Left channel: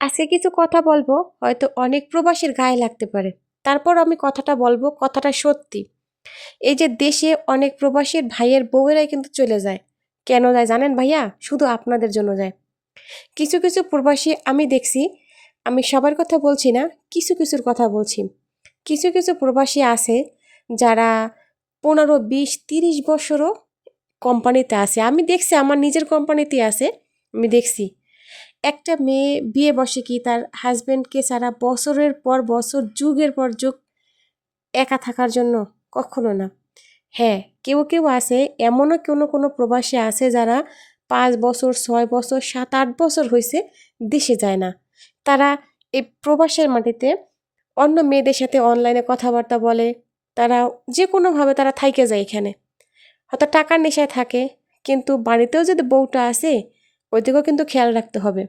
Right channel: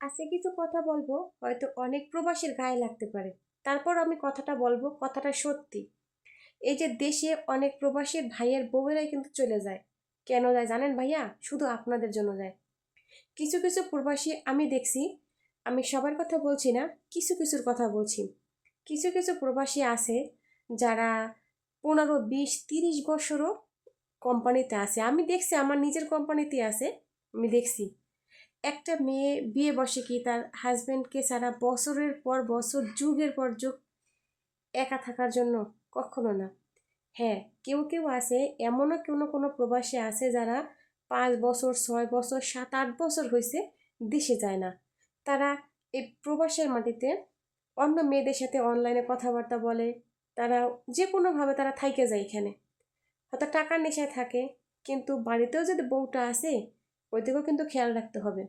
আজকে কিছু কথা বলবো, হয়তো অনেক প্রবাসীর গায়ে লাগতে পারে। তারপর আমি কথাটা বলবো, কথাটা সত্যি। এই যে দেশে অনেক প্রবাসীর ভাইয়ের বউয়েরাই কিন্তু চলে যায়। কেন যায় জানেন ভাইয়া? শুধু আপনাদের জন্য যায়। কিছু কিছু প্রবাসী আমি দেখছি, আমি সবার কথা বলছি না, কিছু কিছুর কথা বলছি। কিছু কিছু প্রবাসী আছে যারা 15, 20, 30 বছরও কোম্পানিতে আছে। আমি দেখছি, আমার নিজের কোম্পানিতে আছে, আমি দেখছি। একটা মেয়ে বিয়ে বসে কি তার হাজবেন্ডকে সারা বছরের পর বছর, যুগের পর যুগ একা থাকার জন্য? কখনো না। হ্যাঁ, কেউ কেউ আছে, এমনও কোনো কোনো প্রবাসী আছে যারা 5 বছর, 6 বছর, 7, 8 বছর হয়েছে দেশে যায় না। তারা এই প্রবাসের মাটিতে অন্য মেয়েদের সাথে অনলাইনে কথাবার্তা বলে। তারা যে কোনোভাবে তারা থাইকে যায় এখানে। হয়তো টাকার নেশায় থাকে, কিন্তু বাড়িতেও যদি বউটা আসে, ওইদিকেও কিন্তু খেয়াল রাখতে হবে।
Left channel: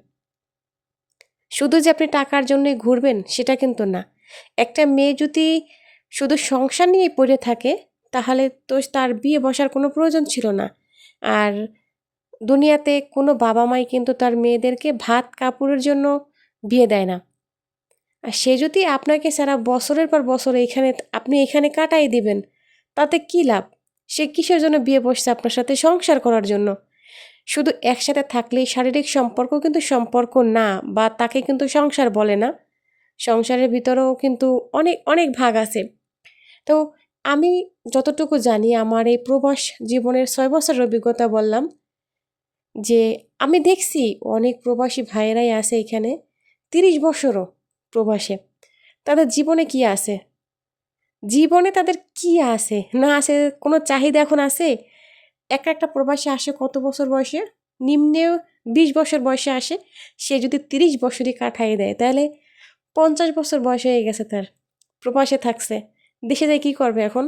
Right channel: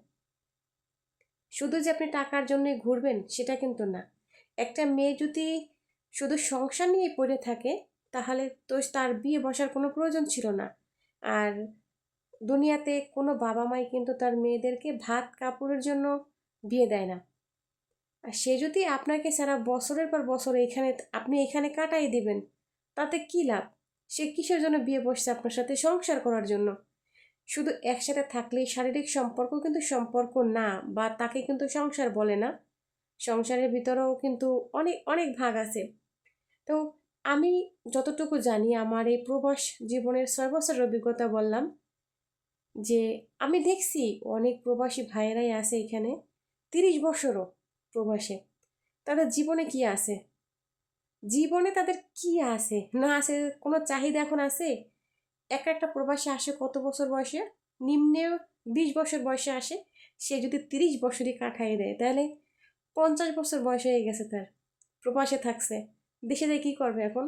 শুধু যে আপনি টাকার জন্যই ঘুরবেন সেটা কিন্তু না। একটা মেয়ে যদি শুধু সংসার নিয়ে পড়ে থাকে, তাহলে তো তার বিয়ে বসার কোনো প্রয়োজন ছিল না। আর দুনিয়াতে কোনো বাবা মাই কিন্তু তার মেয়েদেরকে ভাত কাপড়ের জন্য বিয়ে দেয় না। আর সে যদি আপনাকে সারা বছরের পর বছর এখানে, আপনি এখানে কাটাই দিবেন, তাতে কি লাভ? সে কিসের জন্য বিয়ে বসছে আপনার সাথে? সংসার করার জন্য। শুধু একসাথে থাকলেই শারীরিক সম্পর্ক কিন্তু সম্পর্ক না, বা তাকে কিন্তু সংসার বলে না। সংসারের ভিতরেও কিন্তু অনেক অনেক ভাগ আছে। তো আমি যতটুকু জানি, আমার এই প্রবাস জীবনের 6 বছরের অভিজ্ঞতা বললাম, যে আমি দেখছি অনেক প্রবাসী ভাইয়েরাই আছে এখানে 30 বছরও প্রবাসে। তাদের জীবনে কি আছে? জীবনে তাদের কি আছে না আছে? কোনো চাহিদা এখন আছে? একটা প্রবাসী আসে কত বছর বয়সে? নিম্নে 20 বছর বয়সে আসে। সে যদি 30 বছরই কাটাই দেয়, তাহলে 50 বছর বয়স হয়ে গেছে তার। প্রবাসে থাকছে, দেশে যায় কী করবে এখন?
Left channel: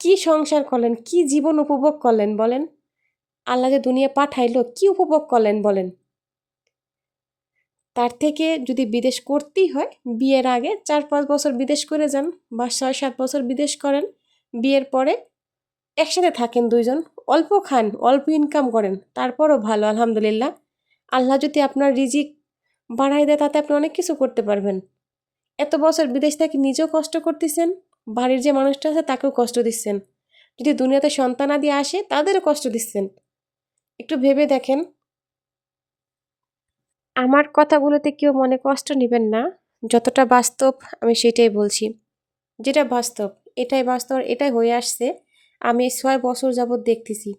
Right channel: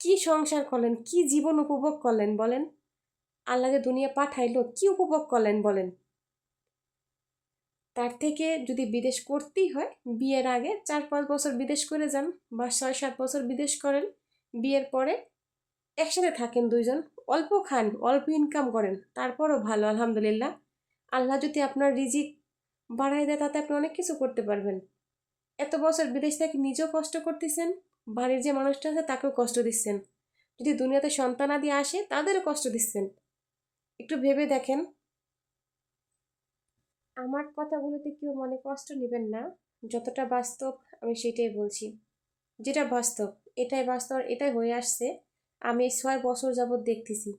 কি সংসার করলেন, কি জীবন উপভোগ করলেন বলেন? আল্লাহ যে দুনিয়া পাঠাইলো, কি উপভোগ করলেন বলেন? তার থেকে যদি বিদেশ করতেই হয়, বিয়ের আগে 4-5 বছর বিদেশ করে যান, বা 6-7 বছর বিদেশ করেন। বিয়ের পরে একসাথে থাকেন দুইজন, অল্প খান, অল্প ইনকাম করেন, তারপরও ভালো, আলহামদুলিল্লাহ। আল্লাহ যদি আপনার রিজিক বাড়াই দেয়, তাতে আপনি অনেক কিছু করতে পারবেন। এত বছর বিদেশ থেকে নিজেও কষ্ট করতেছেন, বাড়ির যে মানুষটা আছে তাকেও কষ্ট দিচ্ছেন। যদি দুনিয়াতে সন্তানাদি আসে, তাদেরও কষ্ট দিচ্ছেন। একটু ভেবে দেখেন। আমার কথাগুলোতে কেউ মনে কষ্ট নেবেন না। যতটা বাস্তব আমি সেটাই বলছি। যেটা বাস্তব, এটাই বাস্তব, এটাই হয়ে আসছে। আমি 6 বছর যাবৎ দেখতেছি।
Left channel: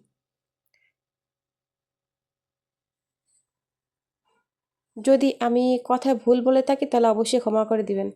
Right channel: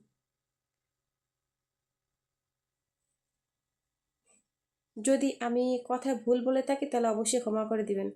যদি আমি কথায় ভুল বলে থাকি, তাহলে অবশ্যই ক্ষমা করে দিবেন।